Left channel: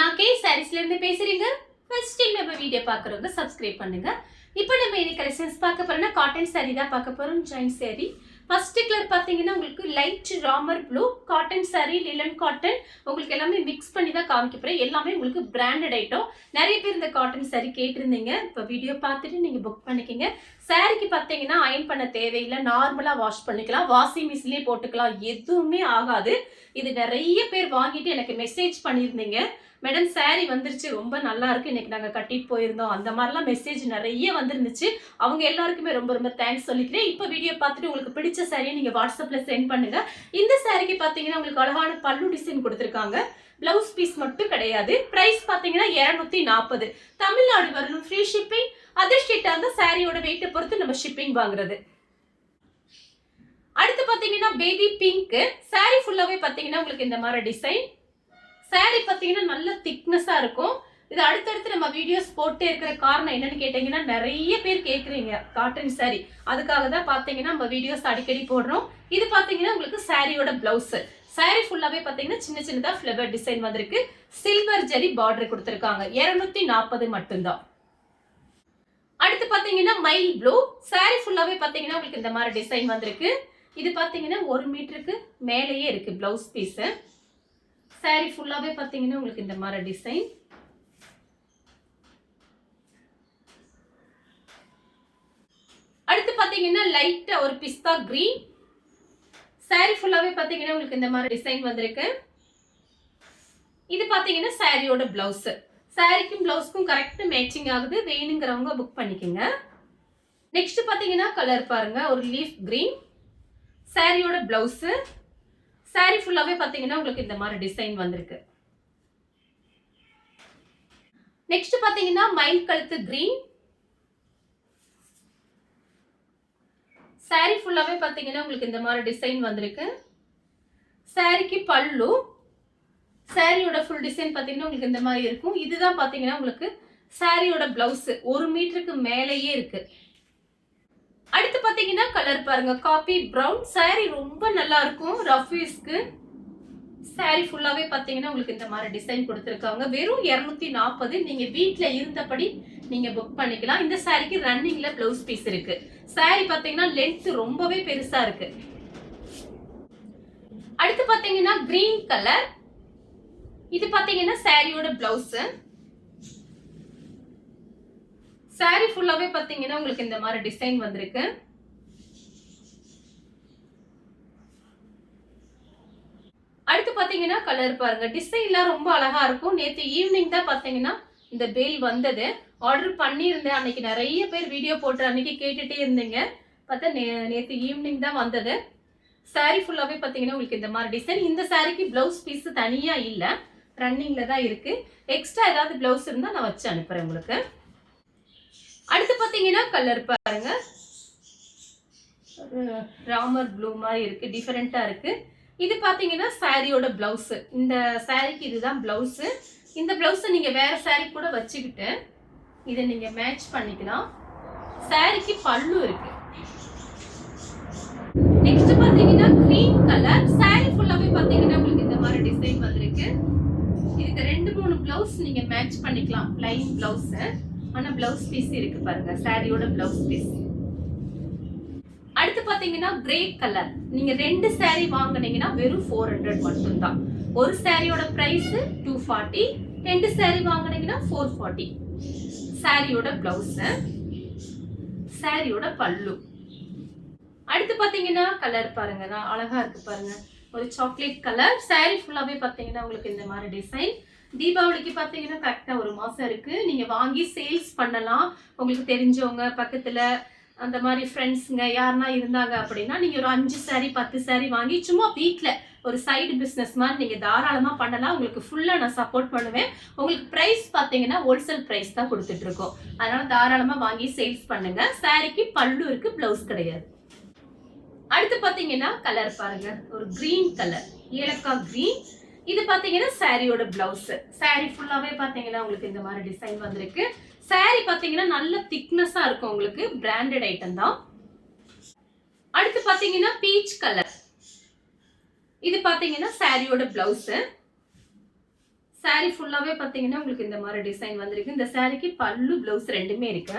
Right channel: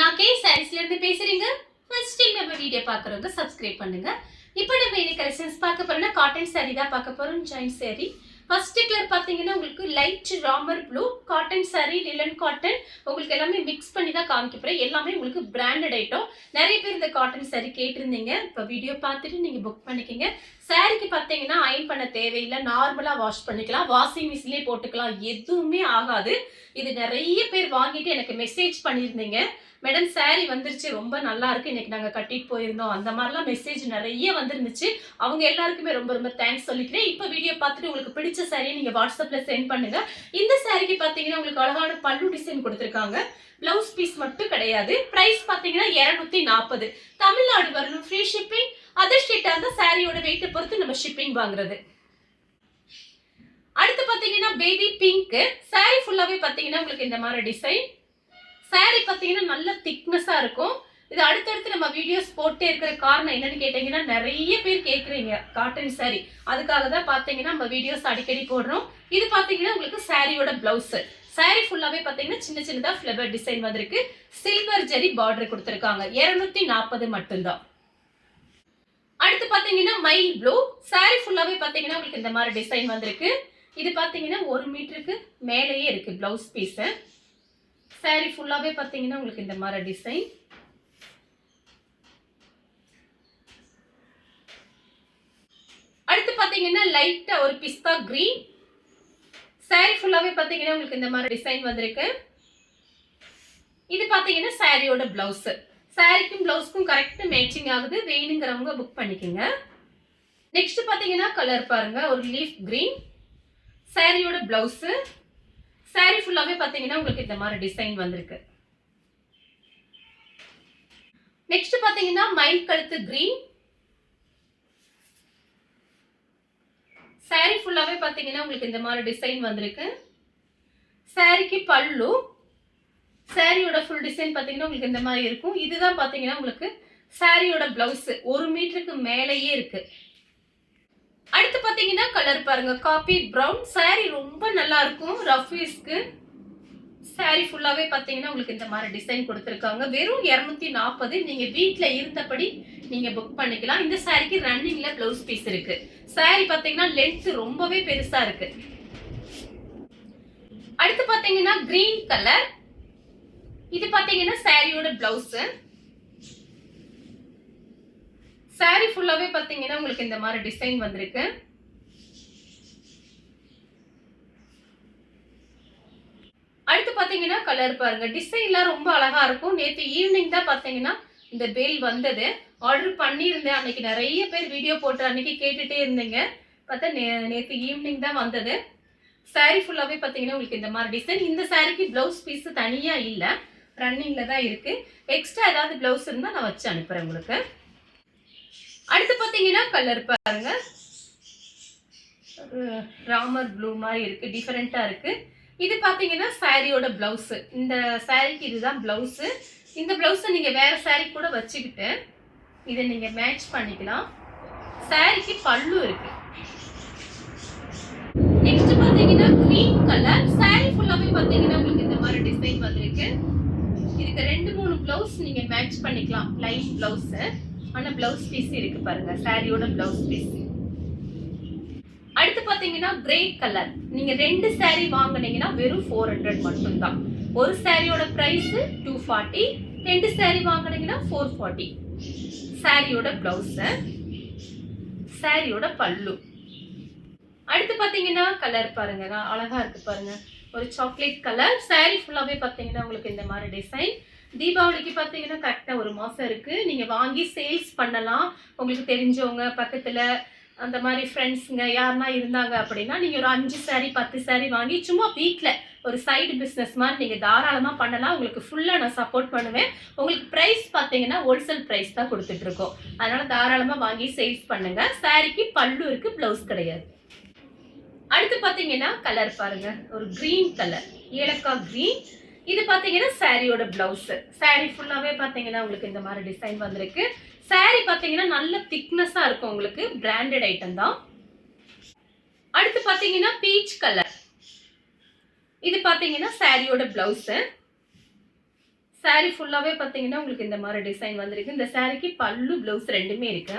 நான் கே சாரீஸ்ல இருந்து பேசுறீங்க. ஃபர்ஸ்ட் டைம் நம்ம வீடியோ பார்க்குறவங்க சப்ஸ்கிரைப் பண்ணுங்க. இப்போ நம்ம இன்னைக்கு கலெக்ஷன்ஸ் பார்க்க போறோம்னா காட்டன் சாரி தான் பார்க்க போறோம். ஜாயின் சாரி ஃபர்ஸ்ட் கலர் பார்த்தீங்கன்னா உங்களுக்கு light Ramar blue cotton sorry லிலன் cotton உங்களுக்கு எல்லாமே மிக்ஸ் பண்ணி தான் காமிக்க போறேன். எல்லாமே உங்களுக்கு பிராண்டட் ஐட்டம். நிறைய பேர் இந்த காட்டன் சாரி கேட்டிருந்தீங்க. இப்போ வீடியோ பார்த்துட்டு நீங்கள் புக் பண்ணிக்கோங்க. சாரிக்கு பார்த்தீங்கன்னா அயன் பண்ண தேவையில்லை, நார்மலாக வாஷ் பண்ணிக்கலாம், வாஷிங் மிஷின்லேயே போட்டுக்கலாம், எதுவுமே ஆகாது. இது நிறைய பேர் வாங்கிட்டு எனக்கு மெசேஜ் பண்ணியிருந்தீங்க, மேடம் சாரி வந்துருச்சு ரொம்ப நல்லா இருக்கு, இன்னைக்கு நாங்கள் கட்டிட்டு போயிருந்தோம், அந்த மாதிரிலாம் மெசேஜ் நிறைய வந்துருந்துச்சு. அவங்க எல்லாருக்குமே ரொம்ப ரொம்ப தேங்க்ஸ் சொல்லிக்கிறேன். இப்போ வீடியோ பார்த்துட்டு உங்களுக்கு பிடிச்ச சாரியை நீங்கள் வாட்ஸ்அப்பில் சென்ட் பண்ணுங்க. இந்த சாரிக்கு பார்த்தீங்கன்னா உங்களுக்கு அழகான பல்லு டிசைன் கொடுத்துருக்காங்க. பிளவுஸ் பீஸ் மட்டும் கிடையாது. பிரைஸ் பார்த்தீங்கன்னா 240. தமிழ்நாடு வரணும், ஃப்ரீ ஷிப்பிங். அதர் ஸ்டேட்டாக இருந்தால் சாரியோட வெயிட்டை பொறுத்து நம்ம ஷிப்பிங் வாங்குறது. அடுத்து பார்த்தீங்கன்னா பேபி பிங்க் சாரி ஃபுல்லாகவே பார்த்தீங்கன்னா உங்களுக்கு இந்த மாதிரி டிசைன். சாரி பார்த்தீங்கன்னா நல்ல திக்னஸாக இருக்கும். இது அடுத்தடுத்து நம்ம வீடியோஸ் போட்டே இருக்கிற காரணம் என்னன்னு கேட்டீங்கன்னா நிறைய பேர் கேட்குறீங்க காட்டன் சாரி, அதுக்காக தான் பார்த்தீங்கன்னா நம்ம வீடியோஸ் அடிக்கடி போடுறோம். இது பார்த்தீங்கன்னா உங்களுக்கு சாரியோட பிளவுஸ். சாரி ஃபுல்லாகவே பார்த்தீங்கன்னா சின்ன சின்னதாக ஃப்ளவர் டிசைன் வந்திருக்கு. சில்வர் ஜரி பார்டர் கொடுத்துருக்காங்க. 240 மட்டும்தான். அடுத்து பார்த்தீங்கன்னா மைல் ப்ளூ சாரி ஃபுல்லாகவே பார்த்தீங்கன்னா உங்களுக்கு இந்த மாதிரி டிசைன் வந்திருக்கு. இது பார்த்தீங்கன்னா 1 மீட்டருக்கு மேலேயே இருக்கு பிளவுஸ் பீஸு. சாரி ஃபுல்லாகவே பார்த்தீங்கன்னா உங்களுக்கு இந்த மாதிரி டிசைன். அடுத்து பார்த்தீங்கன்னா லைட்டா ஒரு பிஸ்தா கிரீன். சாரி ஃபுல்லாகவே பார்த்தீங்கன்னா உங்களுக்கு இந்த மாதிரி டிசைன் வந்திருக்கு. இது பார்த்தீங்கன்னா சாரியோட பிளவுஸ். சாரிக்கும் பிளவுஸ்க்கும் கரெக்ட் மேட்சிங் ஆகுது. வேணுங்கிறவங்க புக் பண்ணிக்கோங்க. நெக்ஸ்ட் பார்த்தீங்கன்னா கலர் பாருங்க, ஒரு லீஃப் கிரீன். சாரியோட பிளவுஸ். சாரி ஃபுல்லாகவே பார்த்தீங்கன்னா உங்களுக்கு இந்த மாதிரி டிசைன் வந்திருக்கு. நெக்ஸ்ட் பார்த்தீங்கன்னா மயில் கழுத்து கிரீன். சாரி ஃபுல்லாகவே பார்த்தீங்கன்னா உங்களுக்கு இந்த மாதிரி டிசைன் வந்திருக்கு. சாரிக்கு பல்லு. சாரியோட ஃபுல் டிசைன் பார்த்தீங்கன்னா உங்களுக்கு இந்த மாதிரி இருக்கும். இதுதான் பார்த்தீங்கன்னா உங்களுக்கு சாரியோட பிளவுஸ். 1 மீட்டருக்கு மேலேயே இருக்கு. அடுத்து பார்த்தீங்கன்னா கலர் பாருங்க, காபி ப்ரௌன். சாரி ரொம்ப நல்லா இருக்கும் ரஃப் யூஸ்க்கு. சாரி ஃபுல்லாகவே பார்த்தீங்கன்னா உங்களுக்கு இந்த மாதிரி டிசைன் கொடுத்துருக்காங்க. வெறும் 240. நீங்கள் வீட்டில் இருந்தபடி நீங்கள் புக் பண்ணிக்கலாம். இந்த சாரிக்கு ரன்னிங்கில் ப்ளவுஸ் பீஸ் இருக்கு. சாரி பார்த்தீங்கன்னா லென்த் ரொம்பவே பெருசாக இருக்கு. அடுத்து பார்த்தீங்கன்னா கிரீன் கலர். இது பார்த்தீங்கன்னா சாரியோட பிளவுஸ். சாரி ஃபுல்லாகவே பார்த்தீங்கன்னா உங்களுக்கு இந்த மாதிரி டிசைன் வந்திருக்கு. அடுத்து பார்த்தீங்கன்னா கலர் பாருங்க, டிசைன்லாம் ரொம்ப அழகா இருக்கும். நேற்று ஈவினிங் தான் பார்த்தீங்கன்னா இந்த பேல் வந்தது. ஆர்டர் பண்ணியிருந்தேன். அன்னைக்கு நிறைய பேர் வீடியோ போட்டு அன்னைக்கு கேட்டுட்டே இருந்தீங்க. பார்த்தா நேற்று ஈவினிங் தான் வந்தது. சாரி ஃபுல்லாகவே பார்த்தீங்கன்னா உங்களுக்கு இந்த மாதிரி டிசைன். இந்த சாரிக்கு பிளவுஸ் பீஸ் தனியாக இல்லை, ரன்னிங்ல தான் இருக்கு. எக்ஸ்ட்ரா ஏதாவது பிளவுஸ் இருந்தால் நான் வச்சு அனுப்புறேன் உங்களுக்கு. அடுத்து பார்த்தீங்கன்னா கலர் பாருங்க, ராமர் ப்ளூ மாதிரி இருக்கு, டிஃபரெண்டா இருக்கு. இது பார்த்தீங்கன்னா சாரியோட பிளவுஸ். இந்த சாரிக்கு இதுதான் பிளவுஸ். இந்த பிளவுஸை நீங்க வேற சாரி கூட வச்சுக்கிட்டு இதை நீங்க மேட்ச் பண்ணிக்கலாம். சாரிக்கு பல்லு இருக்கு. நெக்ஸ்ட் பார்த்தீங்கன்னா கிரீன் கலர். சாரி ஃபுல்லாவே பார்த்தீங்கன்னா உங்களுக்கு இந்த மாதிரி டிசைன் வந்திருக்கு. இதுக்கு 2-3 பிளவுஸ் நீங்க மேட்ச் பண்ணிக்கலாம். ப்ளைன் பிளவுஸ், ஆனா பிளவுஸ் பீஸ் இருக்கு பாருங்க, சாரியோட பிளவுஸ் பீஸ். அடுத்து பாத்தீங்கன்னா கிரே கலர். நீங்க 2 சாரி வாங்குனீங்கன்னா வெறும் 400 மட்டும்தான். ஒரு சாரியோட பிரைஸ் 240, 2 சாரி வாங்குனீங்கன்னா 440. சாரியோட பிளவுஸ், சாரியோட பல்லு. அடுத்து பாத்தீங்கன்னா கலர் பாருங்க, அழகா இருக்கு பாருங்க, ஒரு சாக்லேட் கலர். சாரி ஃபுல்லாவே பாத்தீங்கன்னா உங்களுக்கு இந்த மாதிரி டிசைன். தீபாவளிக்கு பார்த்தீங்கன்னா கரெக்டாக 1 மாதம் இருக்குது. நீங்கள் வாங்கி சேல்ஸ் பண்ணலாம். உங்களுக்கு தெரிஞ்சவங்க பக்கத்தில் அந்த மாதிரி ஃப்ரெண்ட்ஸுங்க யாருன்னா இருந்தாங்க அப்படின்னா நீங்கள் ஒரு 5 சாரி 10 சாரி வாங்கி சும்மா வீட்டில் ஒரு சைடு பிஸ்னஸ் மாதிரி நீங்கள் தாராளமாக பண்ணலாம். உங்களுக்கு ஃபுல்லாக நான் சப்போர்ட் பண்ணுவேன். உங்களுக்கு ப்ரைஸ் பார்த்தீங்கன்னா ஹோல்சேல் ப்ரைஸ் தான் கொடுத்துட்ருக்கோம். அதனால் தாராளமாக வாங்கி சேல்ஸ் பண்ணுங்கள். சாரிக்கு பல்லு இருக்குது, ப்ளவுஸ் கிடையாது. அடுத்து பார்த்தீங்கன்னா கலர் பாருங்கள், ஒரு க்ரீன் கலர், ஏலக்காய் க்ரீன். இது பார்த்தீங்கன்னா சாரியோட பிளவுஸ். சாரி ஃபுல்லாகவே பார்த்தீங்கன்னா உங்களுக்கு இந்த மாதிரி டிசைன் வந்திருக்கு. சாரி பார்த்தீங்கன்னா நல்ல திக்னஸாக இருக்கும், உங்களுக்கு பிராண்டட் ஐட்டம் தான். அடுத்து பார்த்தீங்கன்னா பீச் கலர். இது பார்த்தீங்கன்னா சாரியோட பிளவுஸ். saree ஃபுல்லாவே பாத்தீங்கன்னா உங்களுக்கு இந்த மாதிரி டிசைன் வந்திருக்கு. இந்த சாரிக்கு பல்லு ப்ளவுஸ் ரெண்டுமே இருக்கு.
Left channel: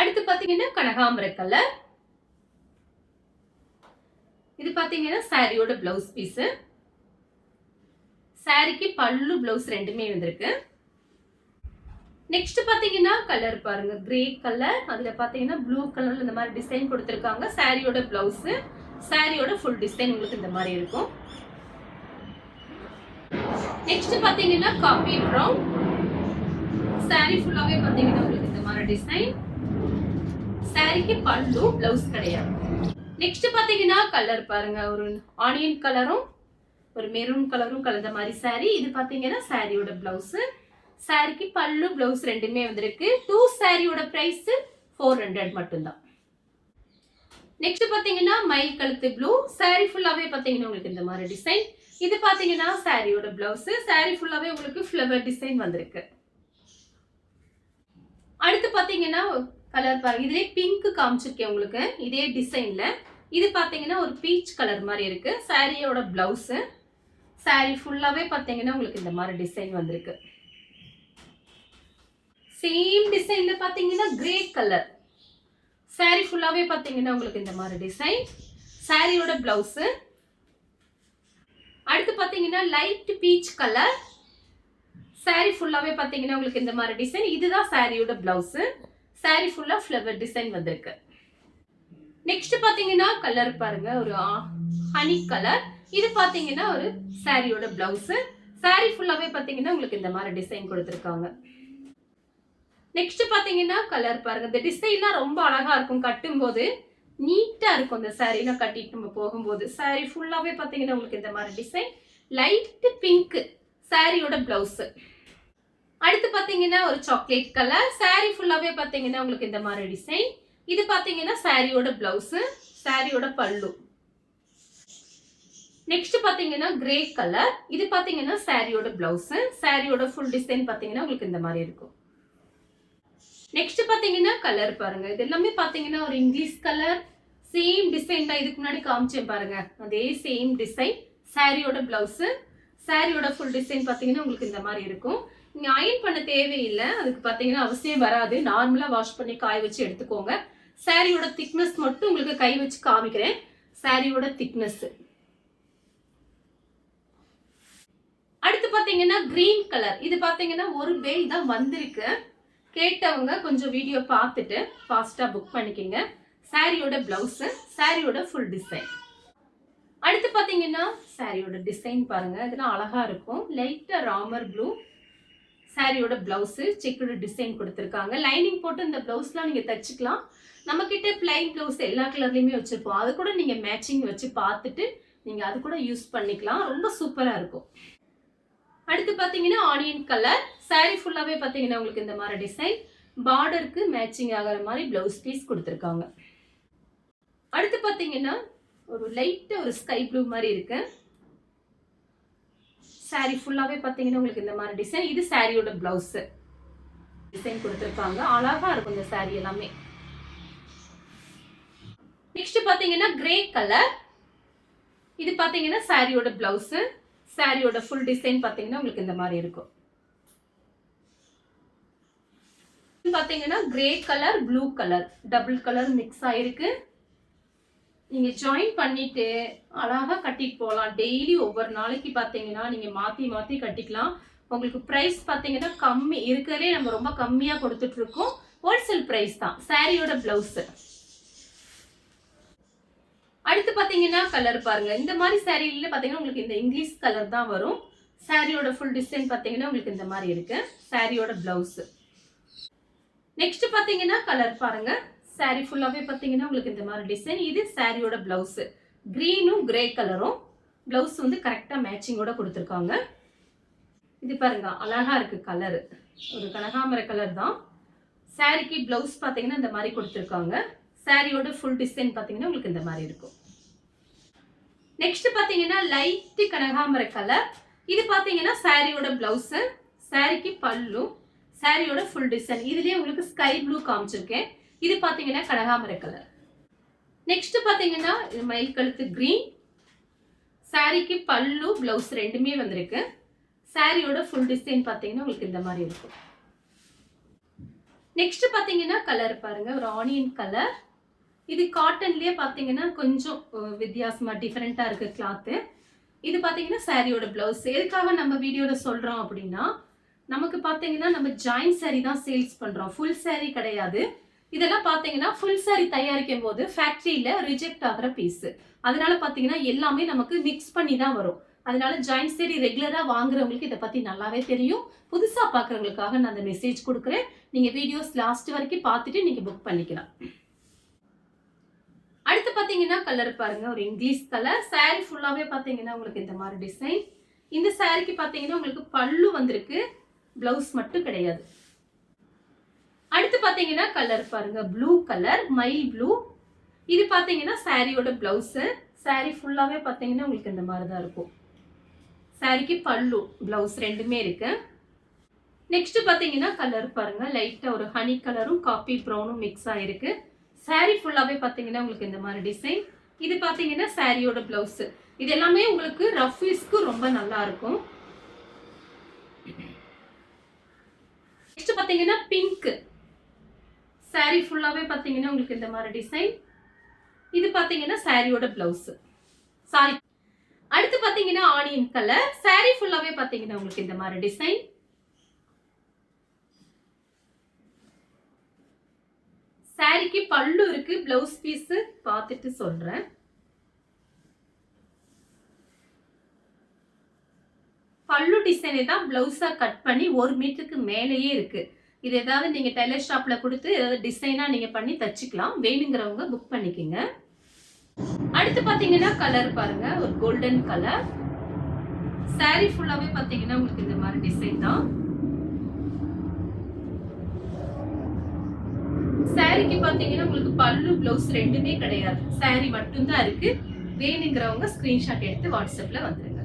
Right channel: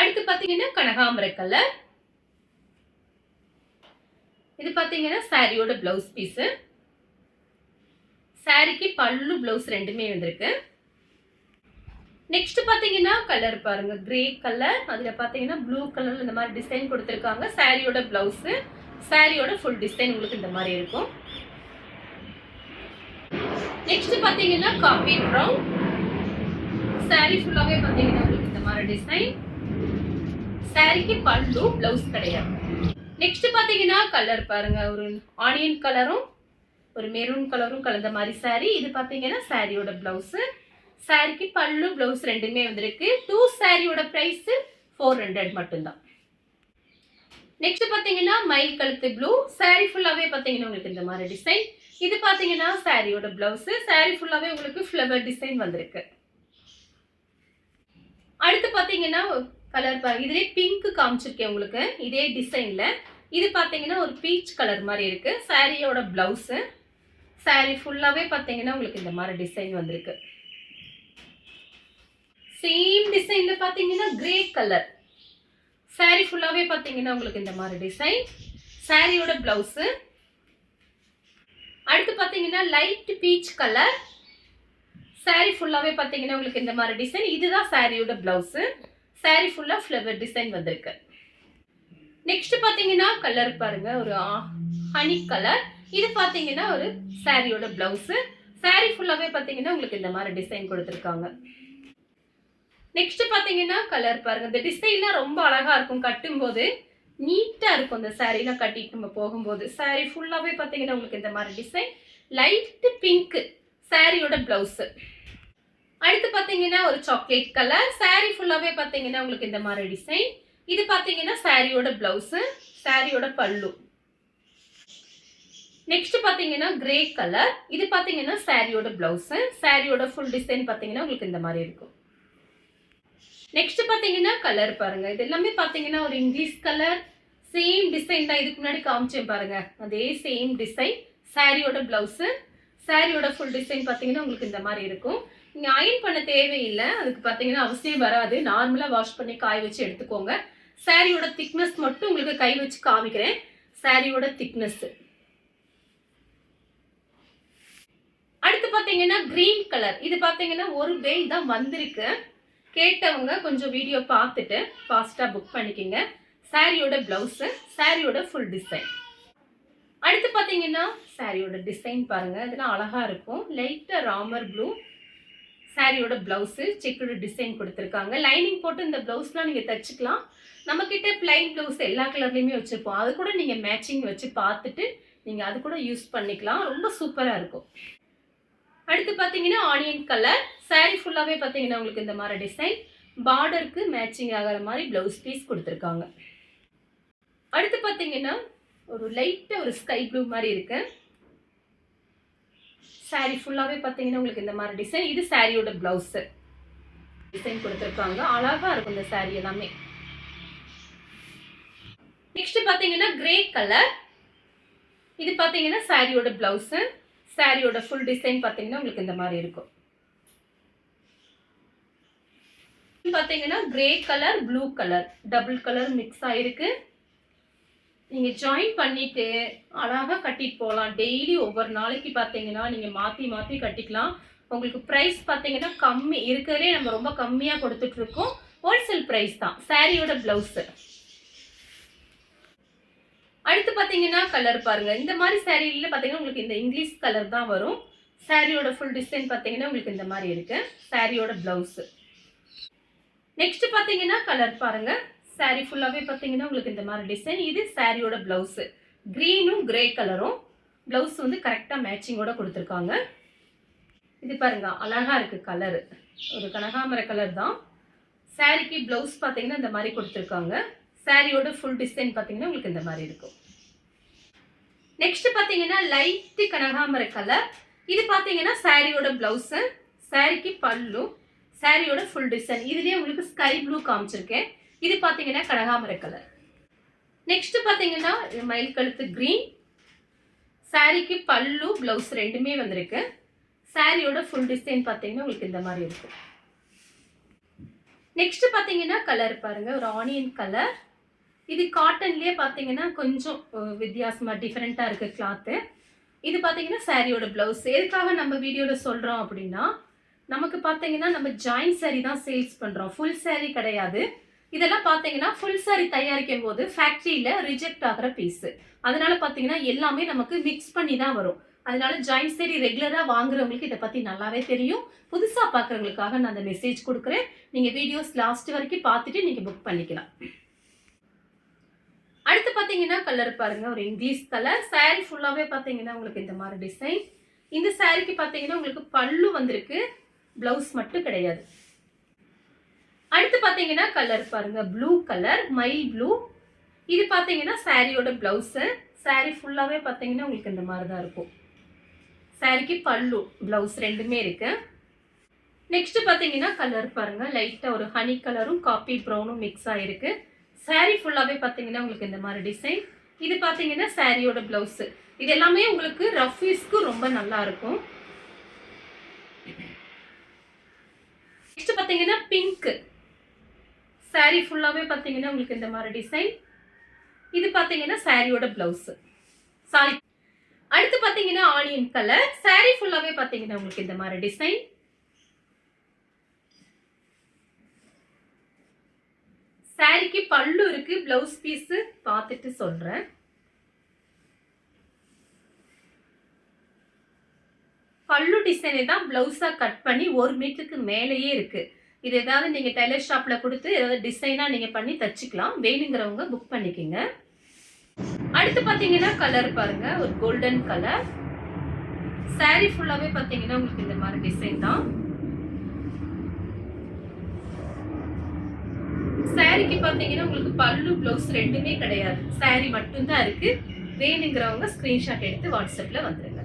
அடுத்து பாத்தீங்கன்னா கனகாம்பர கலர். இது பாத்தீங்கன்னா சாரியோட ப்ளவுஸ் பீஸ். சாரிக்கு பல்லு ப்ளவுஸ் ரெண்டுமே வந்திருக்கு. நெக்ஸ்ட் பாத்தீங்கன்னா கலர் பாருங்க, கிரே கலர். அதுல பாத்தீங்கன்னா ப்ளூ கலர்ல இந்த மாதிரி டிசைன் கொடுத்திருக்காங்க. சாரியோட ப்ளவுஸ், சாரியோட ஃபுல் டிசைன் உங்களுக்கு இந்த மாதிரி இருக்கும். நெக்ஸ்ட் பாத்தீங்கன்னா காபி ப்ரவுன். சாரி ஃபுல்லாவே பாத்தீங்கன்னா உங்களுக்கு இந்த மாதிரி டிசைன். சாரிக்கு பல்லு ப்ளவுஸ் கிடையாது. நெக்ஸ்ட் பாத்தீங்கன்னா கலர் பாருங்க, ஒரு ஆனியன் கலரும் ஒரு மெரூன் கலரும் கலந்த மாதிரி சாரி. இது பாத்தீங்கன்னா சாரியோட ப்ளவுஸ். சாரிக்கு பல்லு ப்ளவுஸ் ரெண்டுமே வந்திருக்கு. 2 சாரியோட பிரைஸ் 400 மட்டும்தான். நெக்ஸ்ட் பாத்தீங்கன்னா மயில் கழுத்து ப்ளூ. சாரி ஃபுல்லாவே பாத்தீங்கன்னா உங்களுக்கு இந்த மாதிரி டிசைன். இது பாத்தீங்கன்னா சாரியோட ப்ளவுஸ். சாரி ஃபுல்லாவே உங்களுக்கு ஃப்ளவர் டிசைன் வந்திருக்கு. அடுத்து பாத்தீங்கன்னா கலர் பாருங்க, இதுலயே பிங்க் காமிச்சிருக்கேன் உங்களுக்கு இதே டிசைன்ல. இது பாத்தீங்கன்னா ஒரு பீச் கலர் மாதிரி இருக்கு. சாரியோட ப்ளவுஸ். சாரி ஃபுல்லாவே பாத்தீங்கன்னா உங்களுக்கு இந்த மாதிரி டிசைன் வந்திருக்கு. சேம் டிசைன்ல பாத்தீங்கன்னா கிரே கலர். சாரி ஃபுல்லாவே பாத்தீங்கன்னா உங்களுக்கு இந்த மாதிரி டிசைன். சாரியோட ப்ளவுஸ். அடுத்து பாத்தீங்கன்னா லைட் பீச் கலர். சாரி ஃபுல்லாவே பாத்தீங்கன்னா உங்களுக்கு இந்த மாதிரி டிசைன். இதுதான் சாரியோட ப்ளவுஸ். சாரி ஃபுல்லா ஃப்ளவர் டிசைன் வந்திருக்கு. நெக்ஸ்ட் பாத்தீங்கன்னா கலர் பாருங்க, ஒரு ஹனி கலர். இது பாத்தீங்கன்னா ஒரு சாரியோட ப்ளவுஸ். சாரி ஃபுல்லாவே பாத்தீங்கன்னா உங்களுக்கு இந்த மாதிரி டிசைன் கொடுத்திருக்காங்க. நெக்ஸ்ட் பாத்தீங்கன்னா கலர் பாருங்க, இந்த டிசைன்லாம் ரொம்ப அழகா இருக்கும். கட்டும்போது நீட்டா இருக்கும். இந்த சாரீலாம் கட்டிட்டு நம்ம போகும்போது சாரி ஃபுல்லாவே பாத்தீங்கன்னா உங்களுக்கு இந்த மாதிரி டிசைன். லைட் பிங்க் சாரியோட ப்ளவுஸ். அடுத்து பாத்தீங்கன்னா ஒரு சாக்லேட் கலர். சாரி ஃபுல்லாவே பாத்தீங்கன்னா உங்களுக்கு இந்த மாதிரி டிசைன். இது பாத்தீங்கன்னா சாரியோட ப்ளவுஸ், சாரியோட பல்லு. நெக்ஸ்ட் பாத்தீங்கன்னா கிரே கலர். இது பாத்தீங்கன்னா சாரியோட ப்ளவுஸ். சாரியோட ஃபுல் டிசைன் பாத்தீங்கன்னா உங்களுக்கு இந்த மாதிரி இருக்கும். நெக்ஸ்ட் பாத்தீங்கன்னா கலர் பாருங்க, இது எல்லாமே பாத்தீங்கன்னா ஒரு இங்கிலீஷ் கலர். சேம் டிசைன் தான் இதுக்கு முன்னாடி காமிச்சேன் பாருங்க, அதே சேம் டிசைன். சாரியோட ப்ளவுஸ், சாரியோட ஃபுல் டிசைன் பாத்தீங்கன்னா உங்களுக்கு இந்த மாதிரி இருக்கும். நீங்க அயன் பண்ண தேவையில்லை, அதுக்கு பாத்தீங்கன்னா அவசியம் வராது. நார்மலா வாஷ் பண்ணி காய வச்சு எடுத்துக்கோங்க. சாரியோட திக்னஸ் மட்டும் உங்களுக்கு கை வச்சு காமிக்கிறேன். சாரியோட திக்னஸ். அடுத்து பாத்தீங்கன்னா கிரீன் கலர். இது பாத்தீங்கன்னா ஒரு பேல் தான் வந்திருக்கு. கேட்டவங்க கொஞ்சம் வீடியோ பார்த்துட்டு ஃபாஸ்டா புக் பண்ணிக்கங்க. சாரியோட ப்ளவுஸ், சாரியோட ஃபுல் டிசைன். அடுத்து பாத்தீங்கன்னா சாரியோட டிசைன் பாருங்க, இதெல்லாம் அழகா இருக்கும். லைட்டா ராமர் ப்ளூ. சாரியோட ப்ளவுஸ் செக்குடு டிசைன் கொடுத்துருக்காங்க. லைனிங் போட்டு இந்த ப்ளவுஸ்லாம் நீங்க தச்சுக்கலாம். நம்ம கிட்ட பிளைன் ப்ளவுஸ் எல்லா கலர்லயுமே வச்சிருப்போம். அது கூட நீங்க மேட்சிங் வச்சு பார்த்துட்டு நீங்க அது கூட யூஸ் பண்ணிக்கலாம். ரொம்ப சூப்பரா இருக்கும். அடுத்து பாத்தீங்கன்னா ஆனியன் கலர். சாரி ஃபுல்லாவே பாத்தீங்கன்னா உங்களுக்கு இந்த மாதிரி டிசைன். பார்டருக்கு மேட்சிங் ஆகிற மாதிரி ப்ளவுஸ் பீஸ் கொடுத்துருக்காங்க. அடுத்து பாத்தீங்கன்னா ஒரு லைட்டா ஒரு ஸ்கை ப்ளூ மாதிரி இருக்கு. சாரி ஃபுல்லாவே பாத்தீங்கன்னா உங்களுக்கு இந்த மாதிரி டிசைன். இது சாரியோட ப்ளவுஸ் டிசைன் கொடுத்துருக்காங்க. அழகா இருக்கும் இந்த சாரி எல்லாமே. நெக்ஸ்ட் பாத்தீங்கன்னா கிரே கலர். இது பாத்தீங்கன்னா சாரியோட ப்ளவுஸ், சாரியோட ஃபுல் டிசைன் பாத்தீங்கன்னா உங்களுக்கு இந்த மாதிரி இருக்கும். பாத்தீங்கன்னா grey colour, blue colour, double colour mix ஆயிருக்கு. நீங்க ஜாயின் பண்ணிட்டு அழகா கட்டிட்டு போகலாம். டெய்லி ஒவ்வொரு நாளைக்கு பாத்தீங்கன்னா நீங்க மாத்தி மாத்தி கட்டிக்கலாம். உங்களுக்கு பிரைஸ் பாத்தீங்கன்னா கம்மி இருக்கிறதே நம்ம ரொம்ப கம்மியா கொடுத்துட்டு இருக்கோம். ஹோல்சேல் பிரைஸ் தான். சாரியோட ப்ளவுஸ். அடுத்து பாத்தீங்கன்னா கலர் பாருங்க, இந்த மாதிரி சாரியில பாத்தீங்கன்னா உங்களுக்கு இந்த இங்கிலீஷ் கலர் தான் வரும். சாரியோட ஃபுல் டிசைன் பாத்தீங்கன்னா உங்களுக்கு இந்த மாதிரி இருக்கு. சாரியோட ப்ளவுஸ். நெக்ஸ்ட் பாத்தீங்கன்னா கலர் பாருங்க, சாரி ஃபுல்லாவே பாத்தீங்கன்னா உங்களுக்கு இந்த மாதிரி டிசைன். இது சாரியோட ப்ளவுஸ். கிரீனும் கிரே கலரும் ப்ளவுஸ் வந்து கரெக்டா மேட்சிங்கோட கொடுத்துருக்காங்க. இது பாருங்க அழகா இருக்கு கலர், ஒரு கனகாம்பர கலர் தான். சாரிக்கு ப்ளவுஸ் பாத்தீங்கன்னா இந்த மாதிரி கொடுத்துருக்காங்க. சாரியோட ஃபுல் டிசைன் பாத்தீங்கன்னா உங்களுக்கு இந்த மாதிரி இருக்கும். நெக்ஸ்ட் பாத்தீங்கன்னா லைட் கனகாம்பர கலர். இது பாத்தீங்கன்னா சாரியோட ப்ளவுஸ், சாரிக்கு பல்லு, சாரியோட ஃபுல் டிசைன். இதுலயே உங்களுக்கு ஸ்கை ப்ளூ காமிச்சிருக்கேன். இது பாத்தீங்கன்னா கனகாம்பர கலர். நெக்ஸ்ட் பாத்தீங்கன்னா மயில் கழுத்து கிரீன். சாரிக்கு பல்லு ப்ளவுஸ் ரெண்டுமே வந்திருக்கு. சாரியோட ஃபுல் டிசைன் பார்த்தீங்கன்னா உங்களுக்கு இந்த மாதிரி இருக்கும். நெக்ஸ்ட் பார்த்தீங்கன்னா கலர் பாருங்க, ஒரு ஆனியன் கலர். இது காட்டன்லயே பார்த்தீங்கன்னா கொஞ்சம் வித்தியாசமா டிஃப்ரெண்டா இருக்கு கிளாத்து. இது பார்த்தீங்கன்னா சாரியோட பிளவுஸ். எதுக்காக நம்ம வீடியோல சொல்றோம் அப்படின்னா, நமக்கு பார்த்தீங்கன்னா நம்ம ஜாயின் சாரி தான் சேல்ஸ் பண்றோம், ஃபுல் சாரி கிடையாது. இதெல்லாம் பார்த்தீங்கன்னா ஃபுல் சாரி தயாரிக்கும் போது ஃபேக்டரியில ரிஜெக்ட் ஆகிற பீஸ். அதனால பார்த்தீங்கன்னா எல்லாமே நமக்கு மிக்ஸ் பண்ணி தான் வரும். அதனால ஜாயின் சாரி ரெகுலரா வாங்குறவங்களுக்கு இதை பத்தி நல்லாவே தெரியும். புதுசா பார்க்குறவங்களுக்காக நான் அந்த மெசேஜ் கொடுக்குறேன். நீங்க வீடியோஸ் லாஸ்ட் வரைக்கும் பார்த்துட்டு நீங்க புக் பண்ணிக்கலாம். அடுத்து பார்த்தீங்கன்னா கலர் பாருங்க, ஒரு இங்கிலீஷ் கலர். சாரி ஃபுல்லாவே பார்த்தீங்கன்னா உங்களுக்கு இந்த மாதிரி டிசைன். இந்த சாரிக்கு பார்த்தீங்கன்னா உங்களுக்கு பல்லு வந்திருக்கு, பிளவுஸ் மட்டும் கிடையாது. அடுத்து பார்த்தீங்கன்னா கலர் பாருங்க, ப்ளூ கலர், மயில் ப்ளூ. இது பார்த்தீங்கன்னா சாரியோட பிளவுஸ். சாரி ஃபுல்லாவே பார்த்தீங்கன்னா உங்களுக்கு இந்த மாதிரி தான் இருக்கும். சாரிக்கு பல்லு பிளவுஸ் ரெண்டுமே இருக்கு. நெக்ஸ்ட் பார்த்தீங்கன்னா கலர் பாருங்க, லைட்டா ஒரு ஹனி கலரும் காப்பி ப்ரௌனும் மிக்ஸ் ஆயிருக்கு. சாரி ஃபுல்லாவே பார்த்தீங்கன்னா உங்களுக்கு இந்த மாதிரி டிசைன். இது பார்த்தீங்கன்னா சாரியோட பிளவுஸ். இது எல்லாமே உங்களுக்கு ரஃப் யூஸ்க்கு ரொம்ப நல்லா இருக்கும். நெக்ஸ்ட் பார்த்தீங்கன்னா பிங்க். சாரி ஃபுல்லாவே பார்த்தீங்கன்னா உங்களுக்கு இந்த மாதிரி டிசைன். இது பார்த்தீங்கன்னா சாரியோட பிளவுஸ். சாரி. அடுத்து பார்த்தீங்கன்னா ஆனியன் கலர். சாரி ஃபுல்லாவே பார்த்தீங்கன்னா உங்களுக்கு இந்த மாதிரி டிசைன். சாரிக்கு பல்லு இருக்கு, பிளவுஸ் பீஸ் பார்த்துட்டு சொல்றேன். பல்லு டிசைனை தான் பிளவுஸா கட் பண்ணி 1 மீட்டருக்கு மேலேயே இருக்கு. இது ஏதாவது நீங்க டெய்லர் ஷாப்ல கொடுத்து ஏதாவது டிசைனா நீங்க பண்ணி தச்சுக்கலாம். வேணுங்கிறவங்க புக் பண்ணிக்கோங்க. அடுத்து பாத்தீங்கன்னா கலர் பாருங்க, ஒரு கோல்டன் கலர். சாரி ஃபுல்லாவே பாத்தீங்கன்னா உங்களுக்கு இந்த மாதிரி டிசைன் தான். சாரிக்கு பாத்தீங்கன்னா உங்களுக்கு பல்லு பிளவுஸ் ரெண்டுமே கிடையாது, சாரி மட்டும் தான் இருக்கு. வேணுங்கிறவங்க ஸ்கிரீன்ஷாட் எடுத்து வாட்ஸ்அப்ல வந்துருங்க.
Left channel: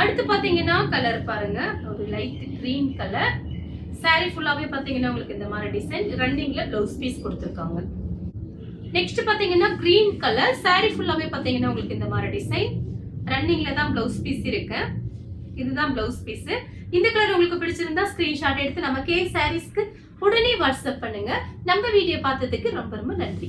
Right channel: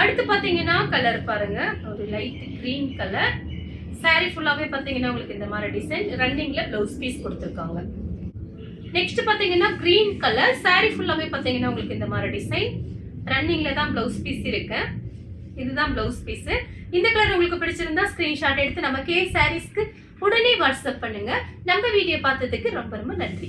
அடுத்து பாத்தீங்கன்னா கலர் பாருங்க, ஒரு லைட் கிரீன் கலர். சாரி ஃபுல்லாவே பாத்தீங்கன்னா உங்களுக்கு இந்த மாதிரி டிசைன், ரன்னிங்ல பிளவுஸ் பீஸ் கொடுத்துருக்காங்க. நெக்ஸ்ட் பாத்தீங்கன்னா கிரீன் கலர். சாரி ஃபுல்லாவே பாத்தீங்கன்னா உங்களுக்கு இந்த மாதிரி டிசைன், ரன்னிங்ல தான் பிளவுஸ் பீஸ் இருக்கு. இதுதான் பிளவுஸ் பீஸ். இந்த கலர் உங்களுக்கு பிடிச்சிருந்தா ஸ்கிரீன்ஷாட் எடுத்து நம்ம கே சாரீஸ்க்கு உடனே வாட்ஸ்அப் பண்ணுங்க. நம்ம வீடியோ பார்த்ததுக்கு ரொம்ப ரொம்ப நன்றி.